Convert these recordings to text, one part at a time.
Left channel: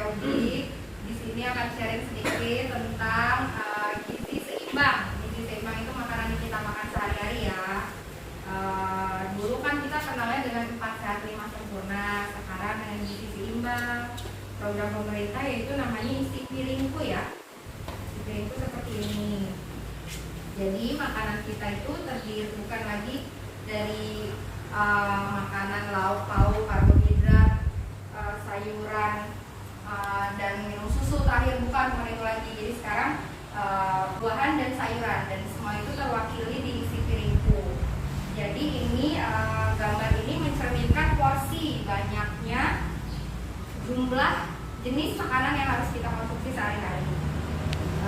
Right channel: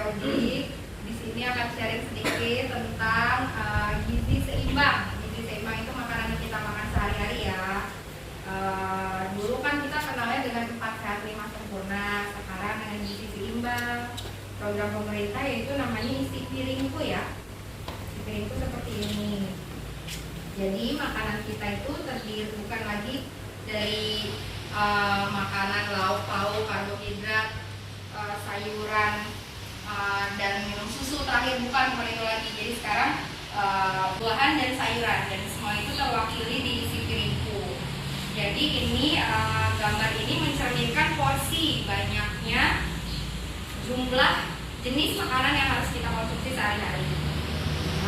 Audi. Di sini akan sharing sedikit tentang gizi seimbang. Gizi seimbang itu makanan yang kita makan sehari-hari ya. Dulu kan kita kenalnya dengan 4 sehat 5 sempurna. Sekarang dengan gizi seimbang. Program pemerintah yaitu namanya isi piringku ya. Isi piringku seperti ini. Jadi makanan kita itu terdiri bukan lagi dari makanan lauk pauk, karbohidrat, sayuran, dan minum susu terakhir, bukan itu lagi. Jadi sekarang buahan dan sayuran, dan semua itu terwakili di isi piringku. Jadi ini gambar ini mencerminkan porsi banyaknya jumlah jenis makanan yang harus kita konsumsi sehari-hari.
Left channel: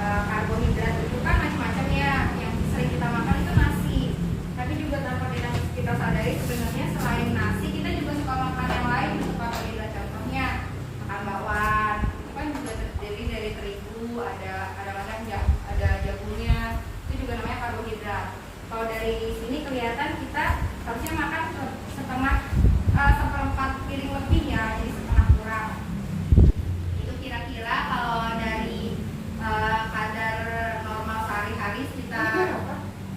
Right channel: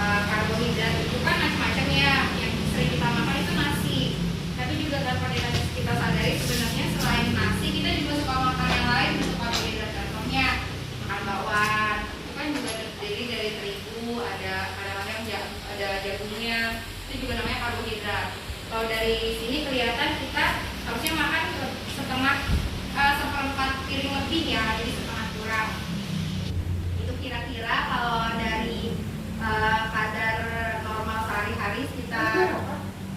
Karbohidrat itu kan macam-macam ya, yang sering kita makan itu nasi. Tapi juga tanpa kita sadari sebenarnya selain nasi kita juga suka makan yang lain untuk karbohidrat. Contohnya makan bakwan, itu kan juga terdiri dari terigu, ada kadang-kadang ada jagungnya, itu juga namanya karbohidrat. Kalau dari sini kelihatan kita harusnya makan seperempat piring lebih ya, jadi setengah kurang. Itu kira-kira kalau dari kadar normal sehari-hari sekitar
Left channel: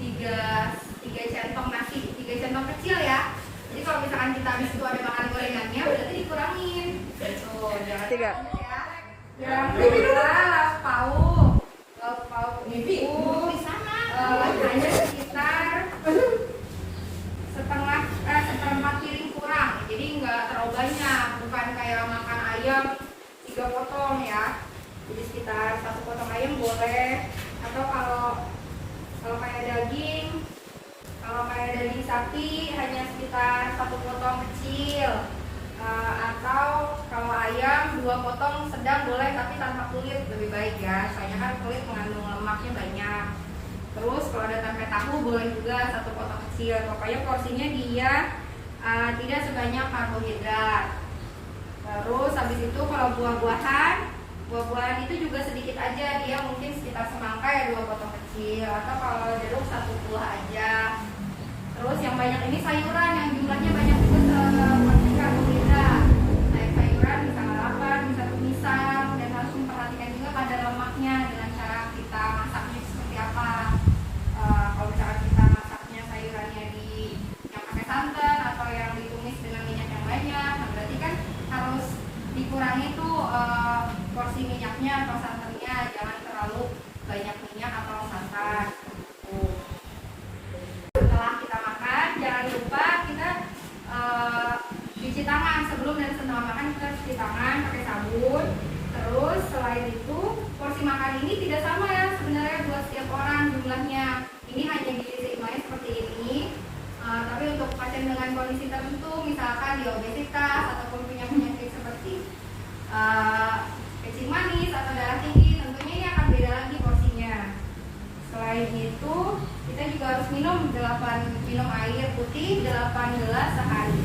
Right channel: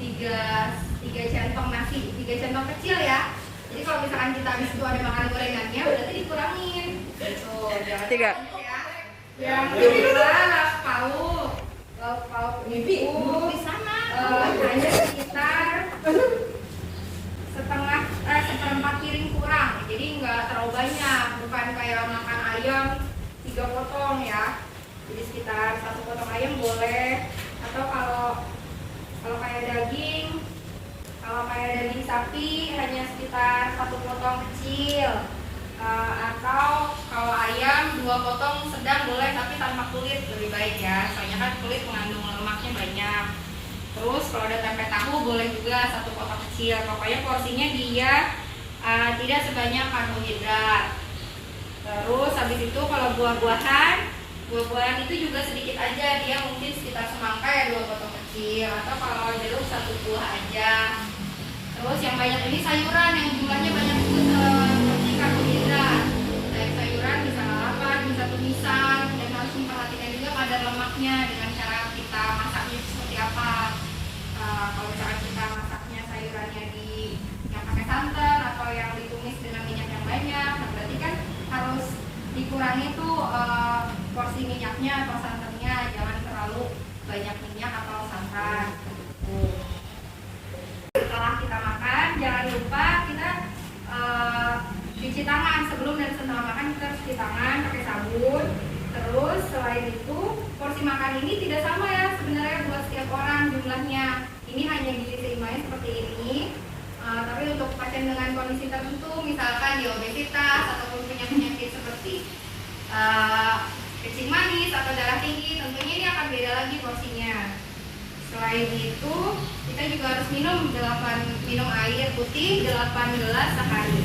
3 centong nasi, 3 centong kecil ya. Jadi kalau misalkan kita habis itu ada makan gorengannya, berarti dikurangin. Tuh, jangan 3 ya. Yang kedua lauk pauk itu di sana hanya sekitar seperempat piring kurang. Jadi nggak terlalu banyak, bukan kayak makan ayam 3 potong ya. Jadi sekitar 1 potong ayam boleh, atau kalau kayak daging sapi hanya sekitar 1 potong kecil, atau kalau ayam 2 potong sedang boleh, tapi tanpa kulit lebih baik ya, soalnya kan kulit mengandung lemaknya banyak. Terus kalau ada tempe tahu boleh juga 1 potong kecil. Pokoknya porsinya dia tidak sebanyak karbohidrat. Terus habis itu kalau buah-buahan itu juga sedikit aja, dia mungkin sekitar semangka ya 2 potong kecil, atau kalau jeruk 1 buah aja. Terus yang banyak ini sayuran yang jumlahnya banyak juga seperti karbohidrat. Sayuran bisa lalapan, bisa tumisan, dan harus memperhatikan juga kadar lemaknya dengan cara kita masaknya seperti apa. Kalau misalkan kita masaknya sayurannya yang pakai santan atau yang ditumis dengan minyak yang banyak, berarti kan harus dikurangi tuh porsi minyaknya atau santannya, jangan terlalu banyak minyak atau santan. Setelah kita makan, jangan lupa kita cuci tangan sebelum dan setelah makan. Kita cuci tangan pakai sabun. Terus selain itu porsi makan ini tidak sama ya sebenarnya buat setiap orang jumlahnya. Ini hanya gizi seimbangnya seperti ini. Tapi untuk pasien dengan kondisi tertentu, misalkan obesitas ataupun penyakit seperti kencing manis atau darah tinggi, tentunya ini akan beda lagi porsinya. Selain itu, kita juga harus minum air putih 8 gelas sehari.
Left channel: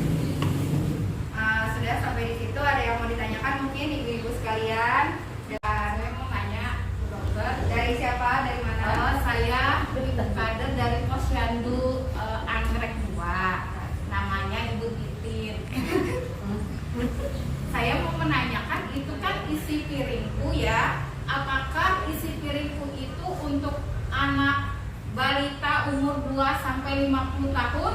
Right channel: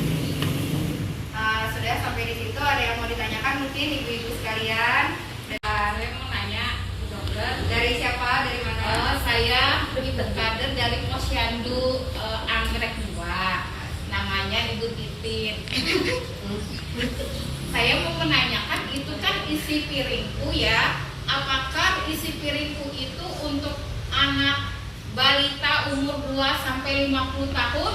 Sudah sampai di situ, ada yang mau ditanyakan mungkin ibu-ibu sekalian? Saya mau nanya, dokter. Dari siapa? Dari mana? Saya ibu kader dari Posyandu Anggrek 2. Namanya Ibu Titin. Saya mau menanyakan, itu kan isi piringku ya. Apakah isi piringku itu untuk anak balita umur 2-50 tahun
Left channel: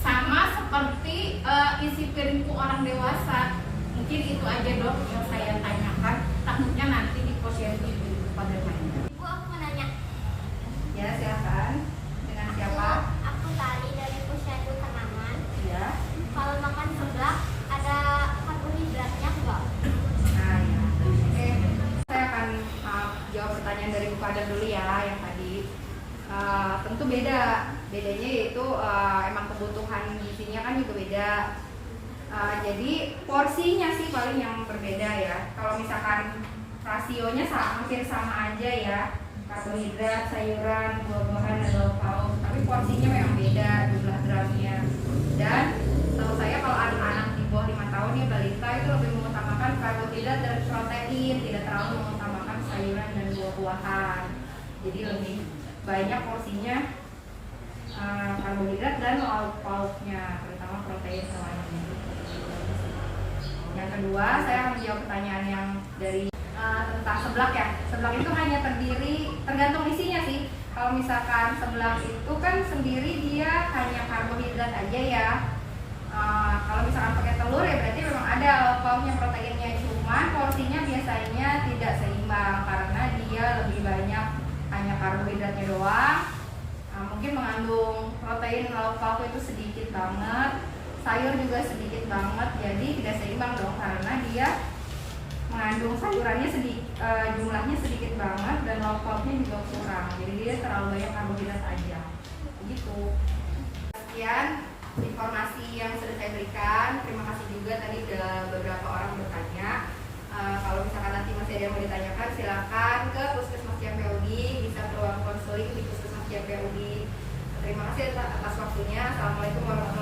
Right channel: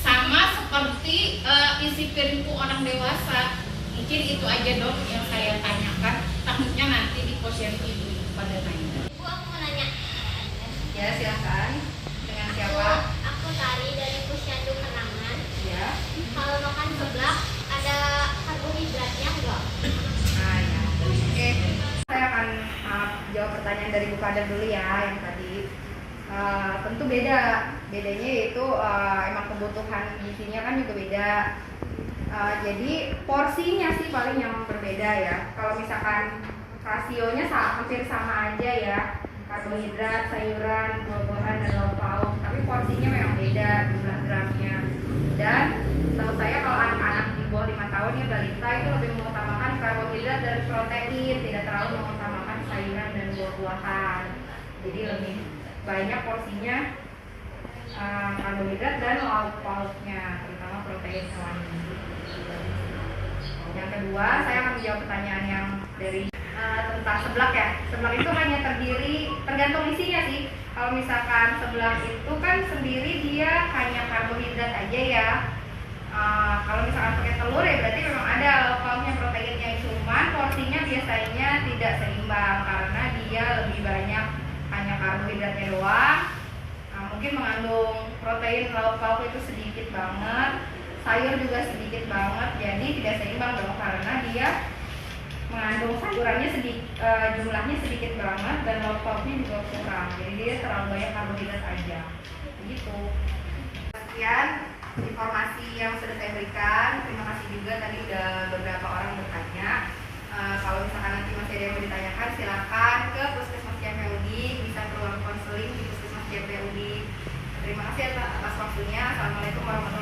sama seperti isi piringku orang dewasa? Mungkin itu aja dok yang saya tanyakan. Takutnya nanti di Posyandu ibu pada nanya. Bu, aku mau nanya. Ya, silakan. Dengan siapa? Aku Tari dari Posyandu Kenangan. Ya. Kalau makan seblak ada karbohidratnya enggak? Nah, ya. Oke. Saya akan jawab pertanyaan dari Bu Kader dulu ya, yang tadi. Tentu bedanya yaitu emang kebutuhan gizinya kan juga beda. Jadi porsinya sih paling yang berbeda ya. Kalau misalkan rasionya hampir sama aja ya, karbohidrat, sayuran, buah-buahan, dan lauk pauk, tapi porsinya memang beda jumlah gramnya. Dan tahu saya kalau anak-anak di bawah 5 tahun ya, balita itu lebih mengutamakan karbohidrat dan protein, tidak terlalu mengutamakan sayuran dan buah-buahan. Jadi lebih banyak porsinya karbohidrat dan lauk pauknya, terutama protein hewani. Yang kedua, saya akan menjawab pertanyaan yang dari tentang seblak ya. Seblak itu hanya terdiri, tergantung isinya sih. Kalau misalkan seblak itu kan sendiri dia hanya karbohidrat aja ya. Kalau misalkan pakai telur ya berarti memang ada lauk pauknya, proteinnya, cuman porsinya biasanya tidak seimbang karena dia lebih banyak hanya karbohidratnya doang. Mungkin mengandung protein lauk pauk itu sedikit banget, sayur juga sedikit banget, jadi tidak seimbang dong karena dia mengandung sayurannya jumlahnya sedikit banget dan lauk pauknya juga kurang, jadi dia terlalu banyak karbohidrat aja begitu. Sekian informasi yang sudah saya berikan. Terima kasih juga tadi udah beberapa orang bertanya. Kalau misalkan nanti masih ada yang mau ditanyakan silakan ke Puskesmas JPUD, bisa ke ruang konseling di Puskesmas JPUD. Terima kasih atas waktunya. Assalamualaikum warahmatullahi wabarakatuh.